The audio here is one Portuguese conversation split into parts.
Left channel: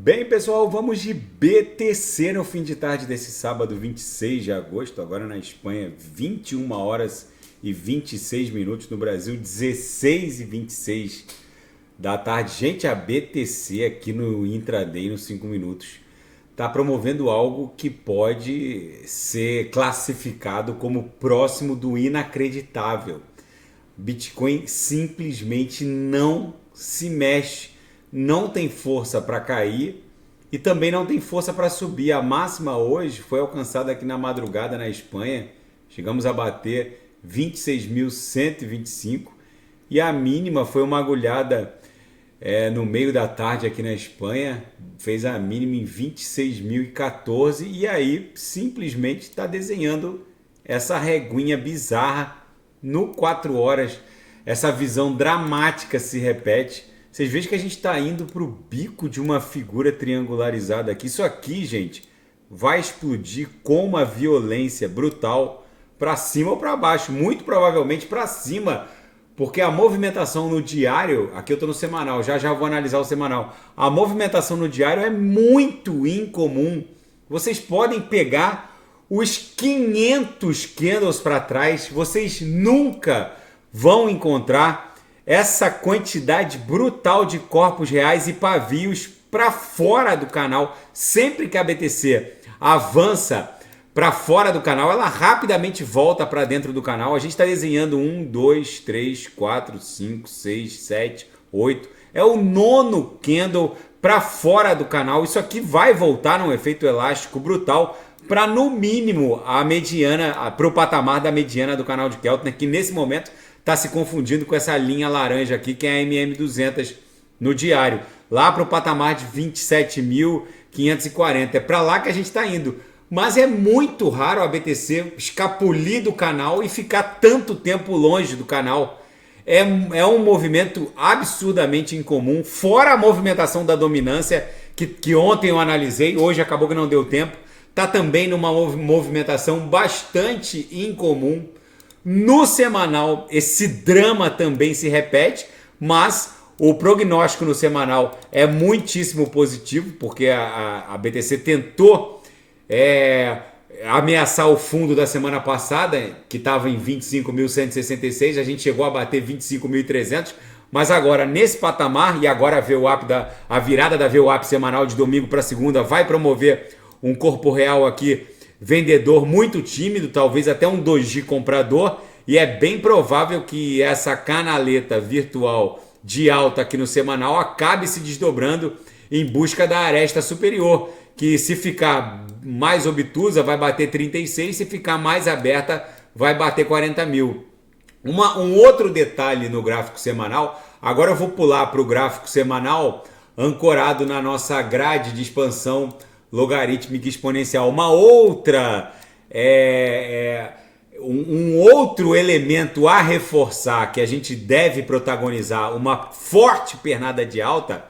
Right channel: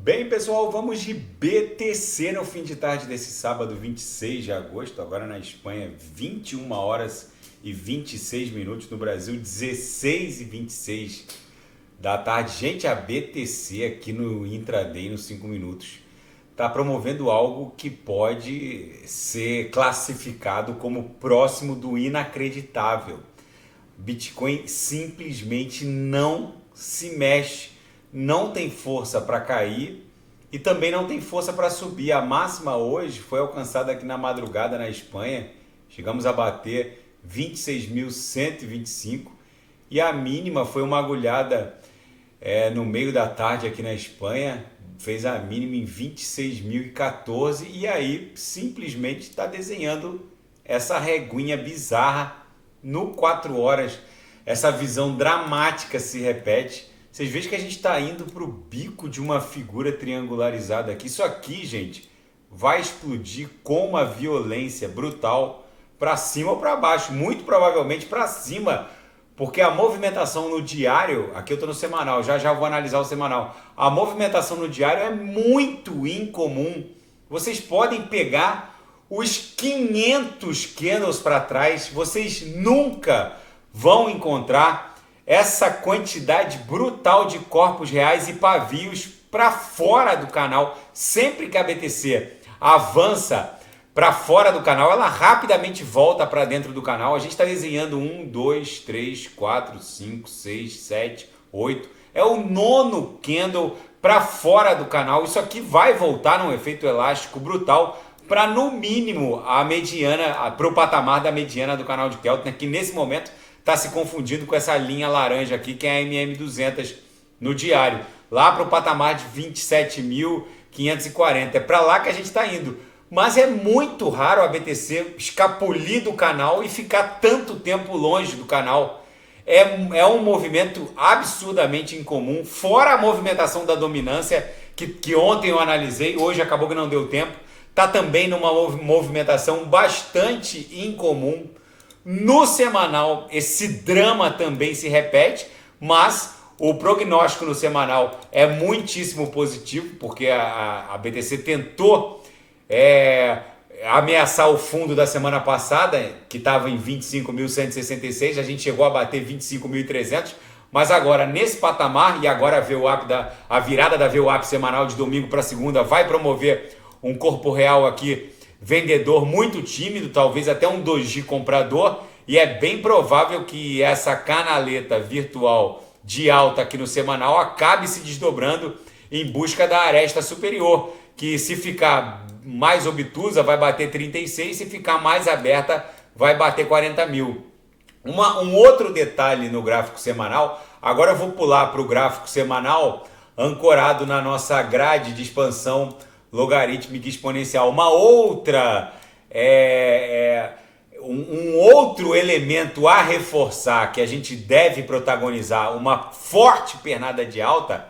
Bem, pessoal, vamos de BTC no fim de tarde desse sábado 26 de agosto, agora na Espanha, 21 horas e 26 minutos, no Brasil, 16 e 26 da tarde. Gente, a BTC aqui no Intraday, nos 5 minutos, está promovendo algo que pode ser classificado como próximo do inacreditável. Bitcoin simplesmente não se mexe, não tem força para cair e também não tem força para subir. A máxima hoje foi alcançada aqui na madrugada na Espanha, chegamos a bater 26.125 e a mínima foi uma agulhada no meio da tarde aqui na Espanha, fez a mínima em 26.014 e aí simplesmente está desenhando essa reguinha bizarra no 4 horas. Essa visão dramática se repete. Vocês veem que a gente está indo para o bico de uma figura triangularizada aqui. Isso aqui, gente, vai explodir com uma violência brutal para cima ou para baixo. Muito provavelmente para cima, porque a movimentação no diário, aqui eu estou no semanal, já vou analisar o semanal. A movimentação no diário é muito incomum. Vocês podem pegar os 500 candles para trás, vocês nunca vão encontrar essa quantidade brutal de corpos reais e pavios para fora do canal. Sempre que a BTC avança para fora do canal, ela rapidamente volta para dentro do canal. A gente está desenhando 1, 2, 3, 4, 5, 6, 7, 8. É o 9º candle para fora do canal. Isso aqui vai voltar num efeito elástico brutal para, no mínimo, a mediana, para o patamar da mediana do canal de Keltner, que nesse momento está se confundindo com essa linha laranja aqui, que é a MM200 no diário, lá para o patamar de 27.540. É para lá que a gente está indo. Mas é muito raro a BTC escapulir do canal e ficar tanto tempo longe do canal. É um movimento absurdamente incomum, fora a movimentação da dominância, que ontem eu analisei, hoje acabou que não deu tempo. Está também numa movimentação bastante incomum. No semanal, esse drama também se repete, mas o prognóstico no semanal é muitíssimo positivo, porque a BTC tentou ameaçar o fundo da semana passada, que estava em 25.166, a gente chegou a bater 25.300, mas agora nesse patamar, e agora a virada da VWAP semanal de domingo para segunda vai promover um corpo real aqui vendedor muito tímido, talvez até um doji comprador, e é bem provável que essa canaleta virtual de alta aqui no semanal acabe se desdobrando em busca da aresta superior, que se ficar mais obtusa vai bater 36, se ficar mais aberta vai bater 40 mil. Um outro detalhe no gráfico semanal, agora eu vou pular para o gráfico semanal ancorado na nossa grade de expansão logarítmica exponencial. Uma outra um outro elemento a reforçar que a gente deve protagonizar uma forte pernada de alta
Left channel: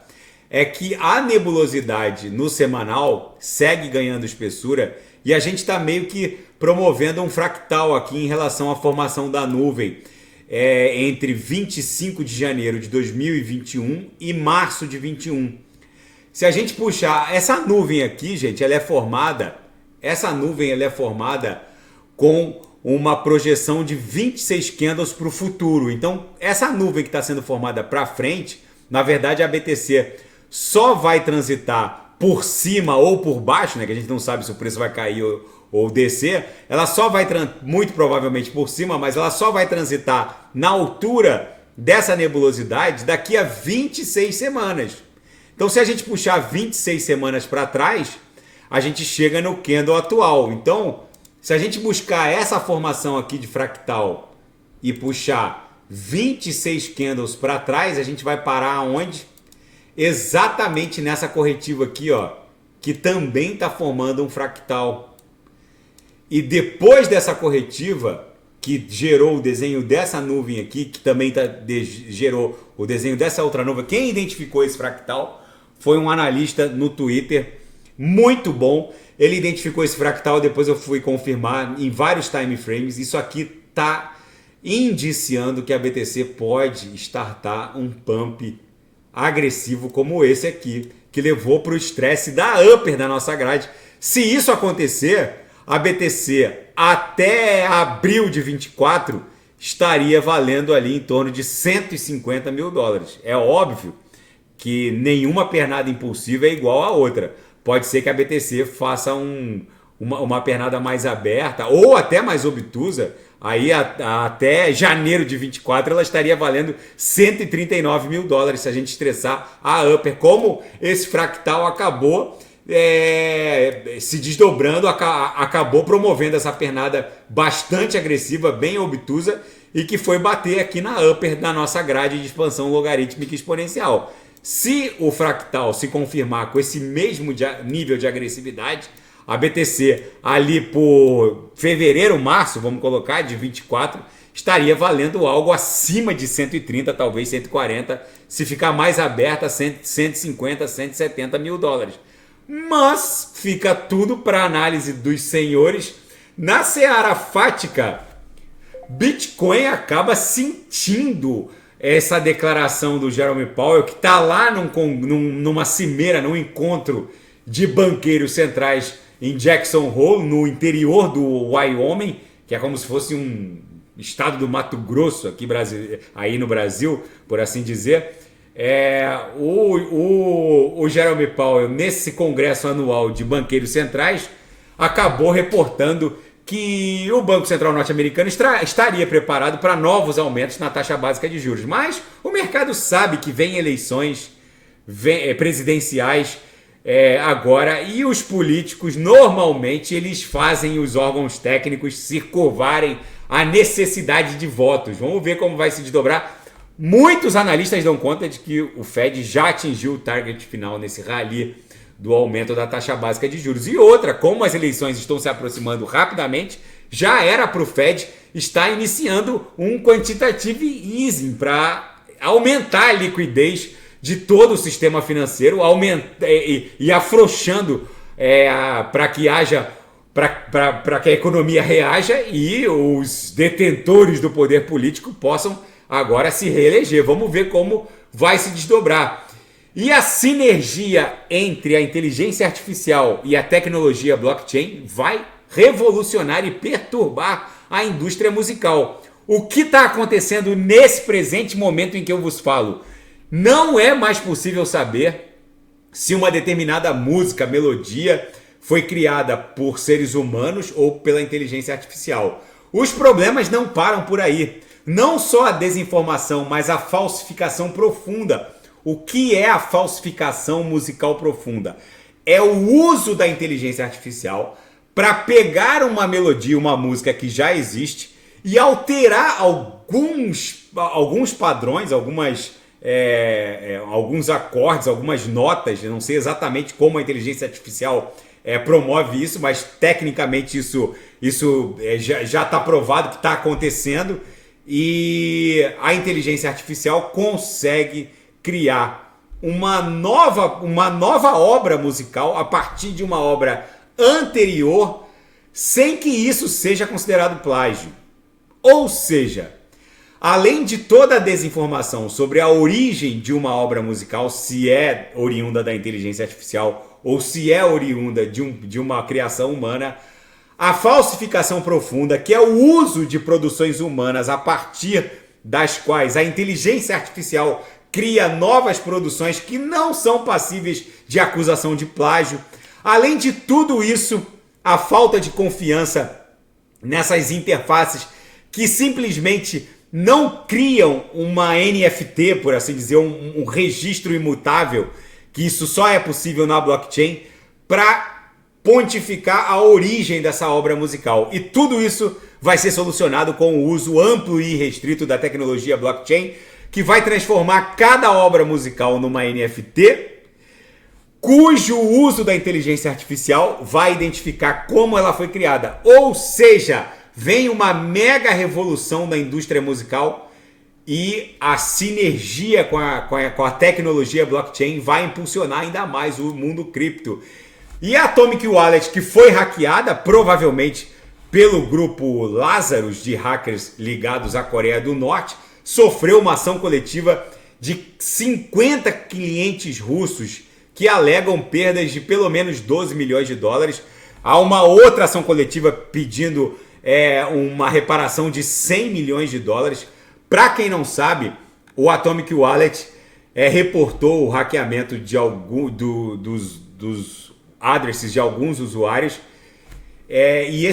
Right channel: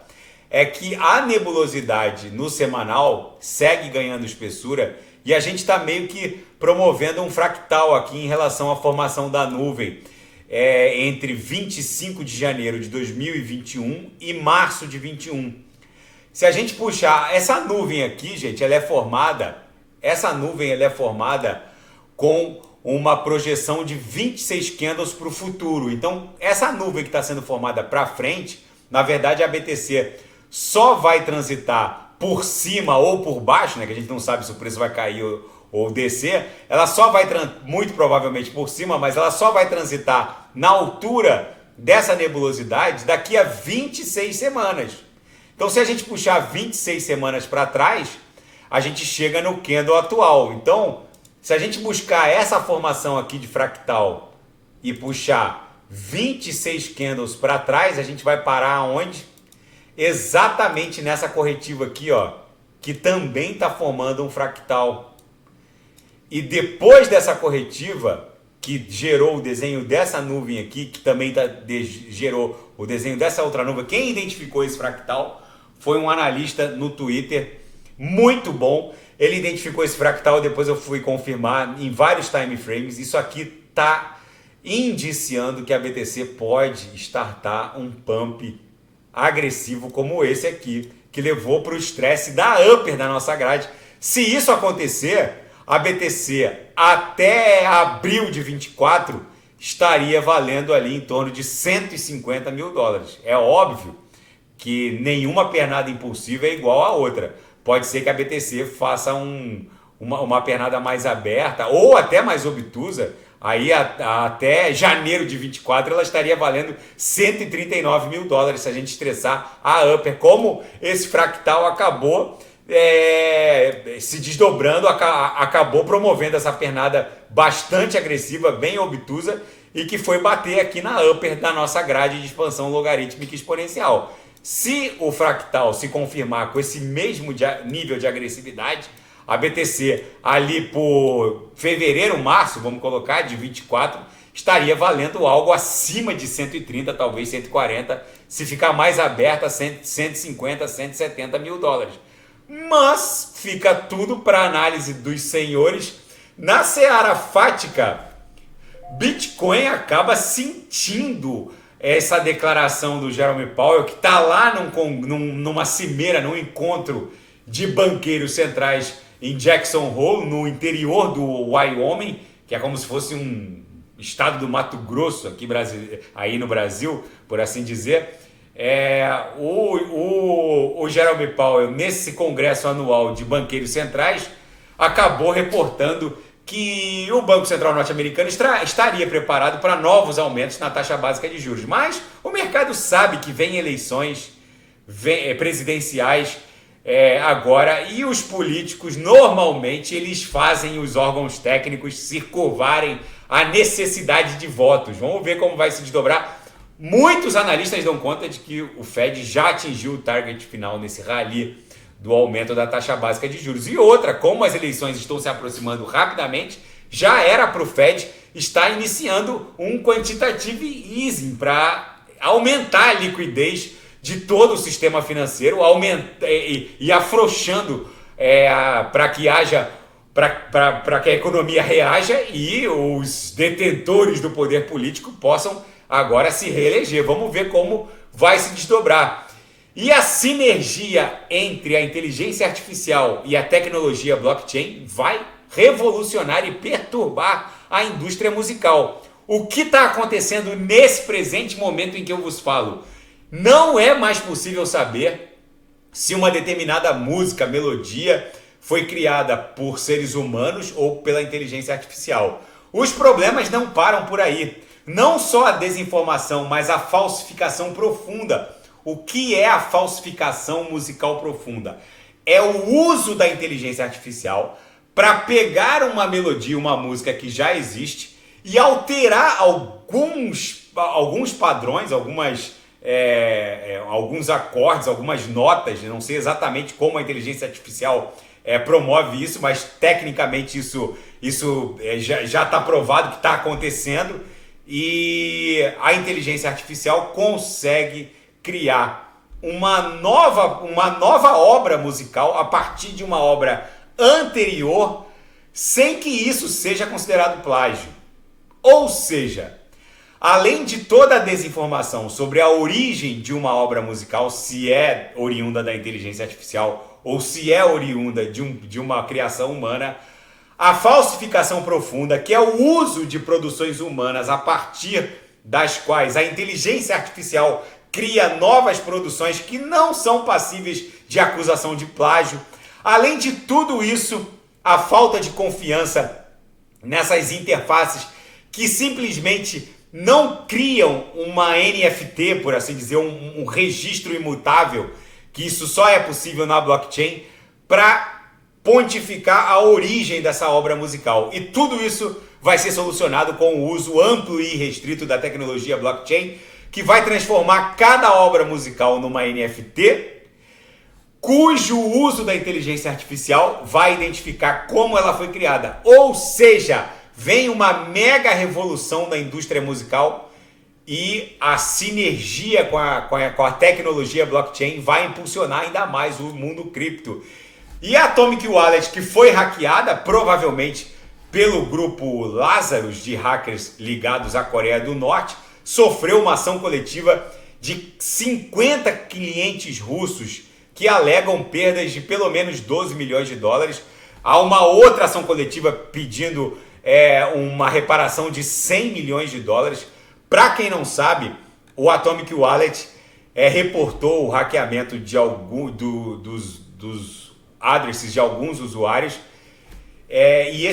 é que a nebulosidade no semanal segue ganhando espessura e a gente está meio que promovendo um fractal aqui em relação à formação da nuvem entre 25 de janeiro de 2021 e março de 21. Se a gente puxar essa nuvem aqui, gente, essa nuvem é formada com uma projeção de 26 candles para o futuro. Então, essa nuvem que está sendo formada para frente, na verdade a BTC só vai transitar por cima ou por baixo, né, que a gente não sabe se o preço vai cair ou descer, ela só vai, muito provavelmente por cima, mas ela só vai transitar na altura dessa nebulosidade daqui a 26 semanas. Então, se a gente puxar 26 semanas para trás, a gente chega no candle atual. Então, se a gente buscar essa formação aqui de fractal e puxar 26 candles para trás, a gente vai parar onde? Exatamente nessa corretiva aqui, ó, que também está formando um fractal. E depois dessa corretiva, que gerou o desenho dessa nuvem aqui, que também gerou o desenho dessa outra nuvem, quem identificou esse fractal foi um analista no Twitter, muito bom. Ele identificou esse fractal, depois eu fui confirmar em vários time frames. Isso aqui está indiciando que a BTC pode startar um pump agressivo como esse aqui, que levou para o estresse da upper da nossa grade. Se isso acontecer, a BTC até abril de 24 estaria valendo ali em torno de 150 mil dólares. É óbvio que nenhuma pernada impulsiva é igual à outra. Pode ser que a BTC faça uma pernada mais aberta ou até mais obtusa. Aí até janeiro de 24 ela estaria valendo 139 mil dólares se a gente estressar a upper. Como esse fractal acabou se desdobrando, acabou promovendo essa pernada bastante agressiva, bem obtusa, e que foi bater aqui na upper da nossa grade de expansão logarítmica exponencial. Se o fractal se confirmar com esse mesmo nível de agressividade, a BTC ali por fevereiro, março, vamos colocar, de 24, estaria valendo algo acima de 130, talvez 140, se ficar mais aberta, 150, 170 mil dólares. Mas fica tudo para análise dos senhores. Na seara fática, Bitcoin acaba sentindo essa declaração do Jerome Powell, que está lá numa cimeira, num encontro de banqueiros centrais em Jackson Hole, no interior do Wyoming, que é como se fosse um estado do Mato Grosso aqui aí no Brasil, por assim dizer. O Jerome Powell, nesse congresso anual de banqueiros centrais, acabou reportando que o Banco Central norte-americano estaria preparado para novos aumentos na taxa básica de juros. Mas o mercado sabe que vem eleições presidenciais agora, e os políticos normalmente eles fazem os órgãos técnicos se curvarem à necessidade de votos. Vamos ver como vai se desdobrar. Muitos analistas dão conta de que o Fed já atingiu o target final nesse rally do aumento da taxa básica de juros. E outra, como as eleições estão se aproximando rapidamente, já era para o Fed estar iniciando um quantitative easing para aumentar a liquidez de todo o sistema financeiro, e afrouxando para que a economia reaja e os detentores do poder político possam agora se reeleger. Vamos ver como vai se desdobrar. E a sinergia entre a inteligência artificial e a tecnologia blockchain vai revolucionar e perturbar a indústria musical. O que está acontecendo nesse presente momento em que eu vos falo? Não é mais possível saber se uma determinada música, melodia, foi criada por seres humanos ou pela inteligência artificial. Os problemas não param por aí. Não só a desinformação, mas a falsificação profunda. O que é a falsificação musical profunda? É o uso da inteligência artificial para pegar uma melodia, uma música que já existe e alterar alguns padrões, alguns acordes, algumas notas. Eu não sei exatamente como a inteligência artificial promove isso, mas tecnicamente isso já está provado que está acontecendo. E a inteligência artificial consegue criar uma nova obra musical a partir de uma obra anterior, sem que isso seja considerado plágio. Ou seja, além de toda a desinformação sobre a origem de uma obra musical, se é oriunda da inteligência artificial ou se é oriunda de uma criação humana, a falsificação profunda, que é o uso de produções humanas a partir das quais a inteligência artificial cria novas produções que não são passíveis de acusação de plágio. Além de tudo isso, a falta de confiança nessas interfaces que simplesmente não criam uma NFT, por assim dizer, um registro imutável, que isso só é possível na blockchain, para pontificar a origem dessa obra musical. E tudo isso vai ser solucionado com o uso amplo e restrito da tecnologia blockchain, que vai transformar cada obra musical numa NFT, cujo uso da inteligência artificial vai identificar como ela foi criada. Ou seja, vem uma mega revolução da indústria musical e a sinergia com a tecnologia blockchain vai impulsionar ainda mais o mundo cripto. E a Atomic Wallet, que foi hackeada, provavelmente pelo grupo Lazarus de hackers ligados à Coreia do Norte, sofreu uma ação coletiva de 50 clientes russos que alegam perdas de pelo menos 12 milhões de dólares. Há uma outra ação coletiva pedindo uma reparação de 100 milhões de dólares. Para quem não sabe, o Atomic Wallet reportou o hackeamento de dos addresses de alguns usuários. E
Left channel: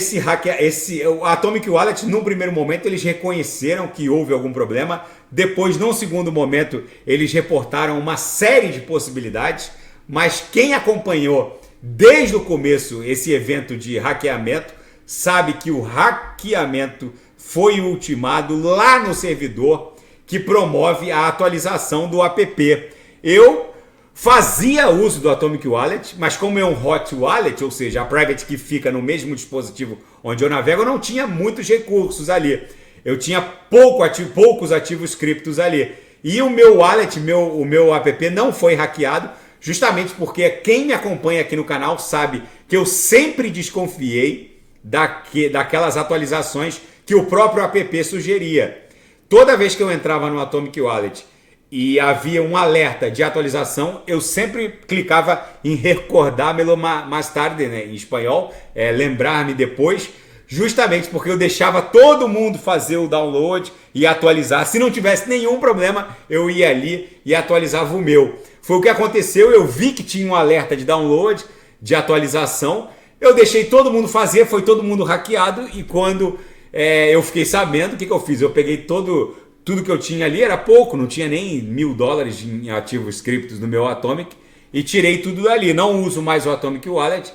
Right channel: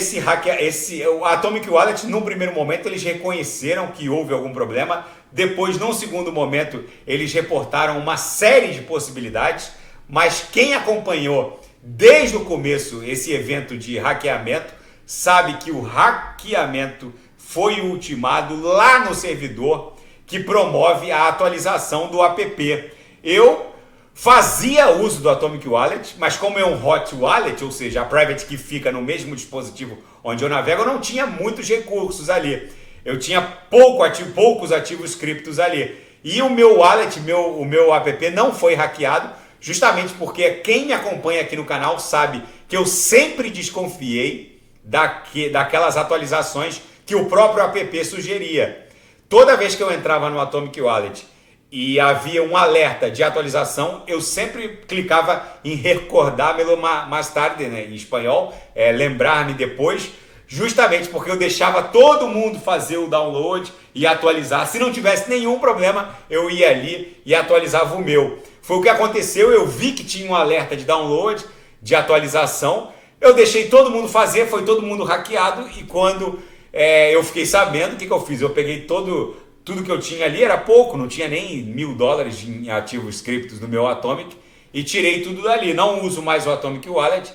o Atomic Wallet, num primeiro momento, eles reconheceram que houve algum problema. Depois, num segundo momento, eles reportaram uma série de possibilidades. Mas quem acompanhou desde o começo esse evento de hackeamento sabe que o hackeamento foi ultimado lá no servidor que promove a atualização do app. Eu fazia uso do Atomic Wallet, mas como é um hot wallet, ou seja, a private que fica no mesmo dispositivo onde eu navego, eu não tinha muitos recursos ali. Eu tinha poucos ativos criptos ali. E o meu wallet, o meu app não foi hackeado, justamente porque quem me acompanha aqui no canal sabe que eu sempre desconfiei daquelas atualizações que o próprio app sugeria. Toda vez que eu entrava no Atomic Wallet e havia um alerta de atualização, eu sempre clicava em recordar-me-lo mais tarde, né, em espanhol, lembrar-me depois, justamente porque eu deixava todo mundo fazer o download e atualizar. Se não tivesse nenhum problema, eu ia ali e atualizava o meu. Foi o que aconteceu, eu vi que tinha um alerta de download, de atualização, eu deixei todo mundo fazer, foi todo mundo hackeado, e quando eu fiquei sabendo, o que eu fiz? Eu peguei tudo que eu tinha ali, era pouco, não tinha nem $1.000 em ativos criptos no meu Atomic, e tirei tudo dali. Não uso mais o Atomic Wallet.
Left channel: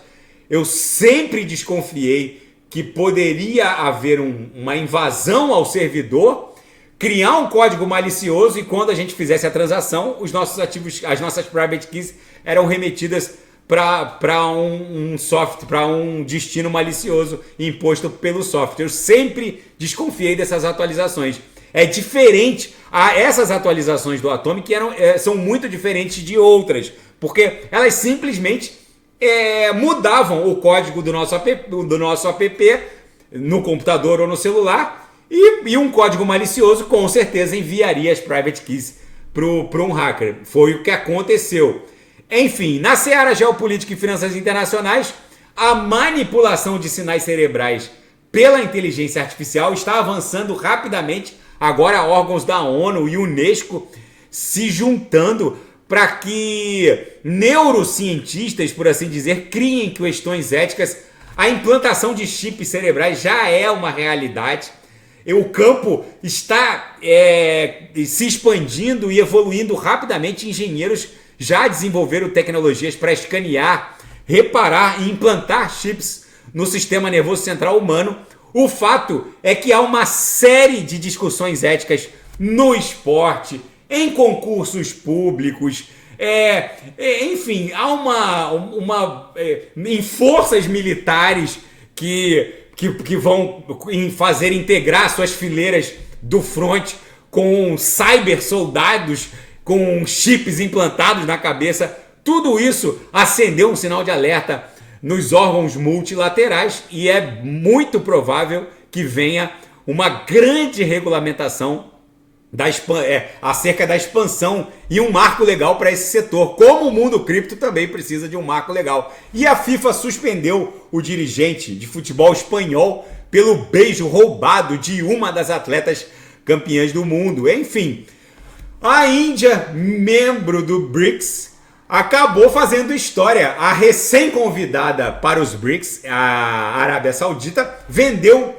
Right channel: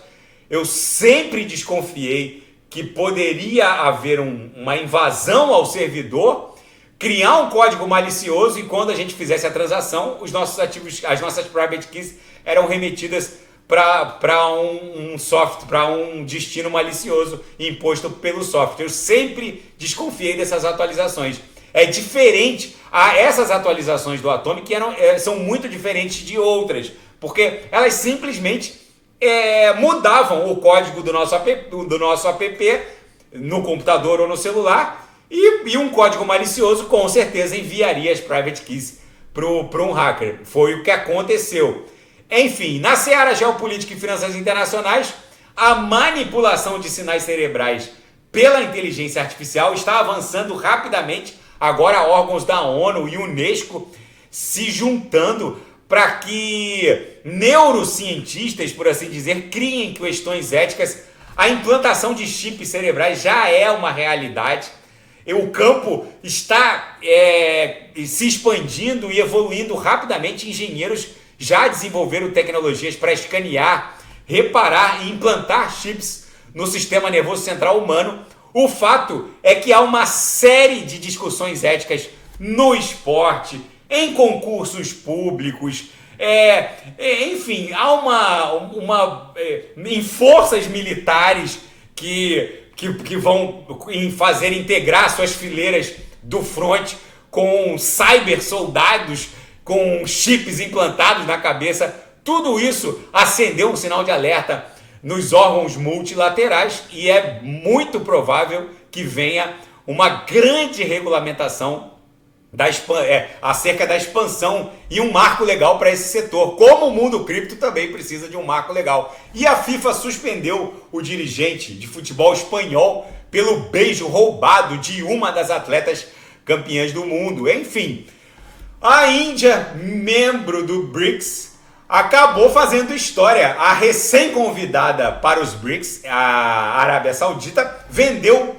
Eu sempre desconfiei que poderia haver uma invasão ao servidor, criar um código malicioso, e quando a gente fizesse a transação, os nossos ativos, as nossas private keys eram remetidas para um destino malicioso imposto pelo software. Eu sempre desconfiei dessas atualizações. É diferente, essas atualizações do Atomic são muito diferentes de outras, porque elas simplesmente mudavam o código do nosso app no computador ou no celular, e um código malicioso com certeza enviaria as private keys para um hacker. Foi o que aconteceu. Enfim, na seara geopolítica e finanças internacionais, a manipulação de sinais cerebrais pela inteligência artificial está avançando rapidamente. Agora, órgãos da ONU e Unesco se juntando para que neurocientistas, por assim dizer, criem questões éticas. A implantação de chips cerebrais já é uma realidade. O campo está se expandindo e evoluindo rapidamente. Engenheiros já desenvolveram tecnologias para escanear, reparar e implantar chips no sistema nervoso central humano. O fato é que há uma série de discussões éticas no esporte, em concursos públicos, enfim, há em forças militares que vão fazer integrar suas fileiras do front com cyber soldados, com chips implantados na cabeça. Tudo isso acendeu um sinal de alerta nos órgãos multilaterais, e é muito provável que venha uma grande regulamentação acerca da expansão e um marco legal para esse setor, como o mundo cripto também precisa de um marco legal. E a FIFA suspendeu o dirigente de futebol espanhol pelo beijo roubado de uma das atletas campeãs do mundo. Enfim, a Índia, membro do BRICS, acabou fazendo história. A recém-convidada para os BRICS, a Arábia Saudita, vendeu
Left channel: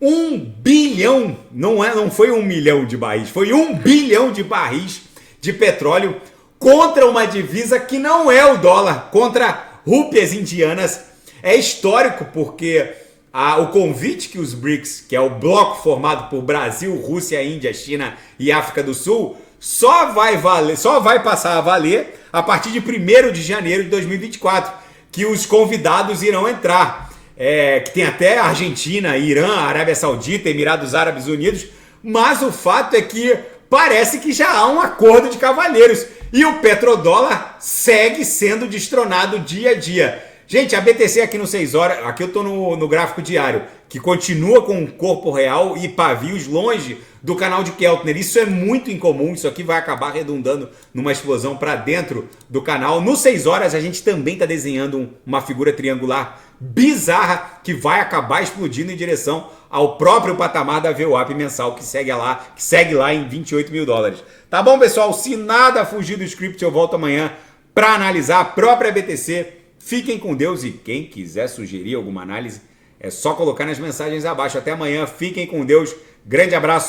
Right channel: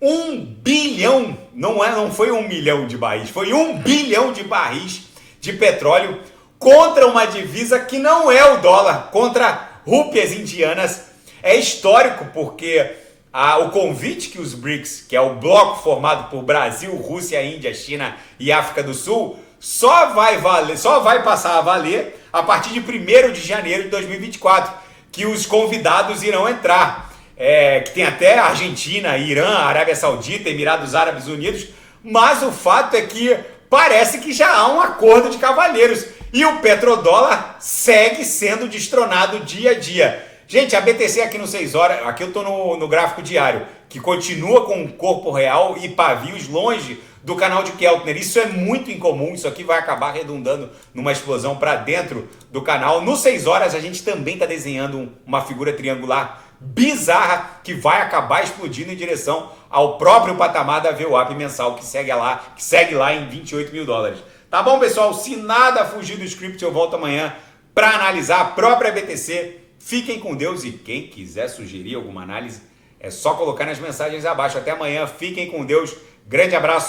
1 bilhão, não foi 1 milhão de barris, foi 1 bilhão de barris de petróleo contra uma divisa que não é o dólar, contra rúpias indianas. É histórico porque o convite que os BRICS, que é o bloco formado por Brasil, Rússia, Índia, China e África do Sul, só vai passar a valer a partir de 1º de janeiro de 2024, que os convidados irão entrar. Que tem até Argentina, Irã, Arábia Saudita, Emirados Árabes Unidos, mas o fato é que parece que já há um acordo de cavalheiros e o petrodólar segue sendo destronado dia a dia. Gente, a BTC aqui no 6 horas, aqui eu tô no gráfico diário, que continua com um corpo real e pavios longe do canal de Keltner. Isso é muito incomum, isso aqui vai acabar redundando numa explosão para dentro do canal. No 6 horas a gente também está desenhando uma figura triangular bizarra que vai acabar explodindo em direção ao próprio patamar da VWAP mensal que segue lá em 28 mil dólares. Tá bom, pessoal? Se nada fugir do script, eu volto amanhã para analisar a própria BTC. Fiquem com Deus e quem quiser sugerir alguma análise é só colocar nas mensagens abaixo. Até amanhã, fiquem com Deus. Grande abraço.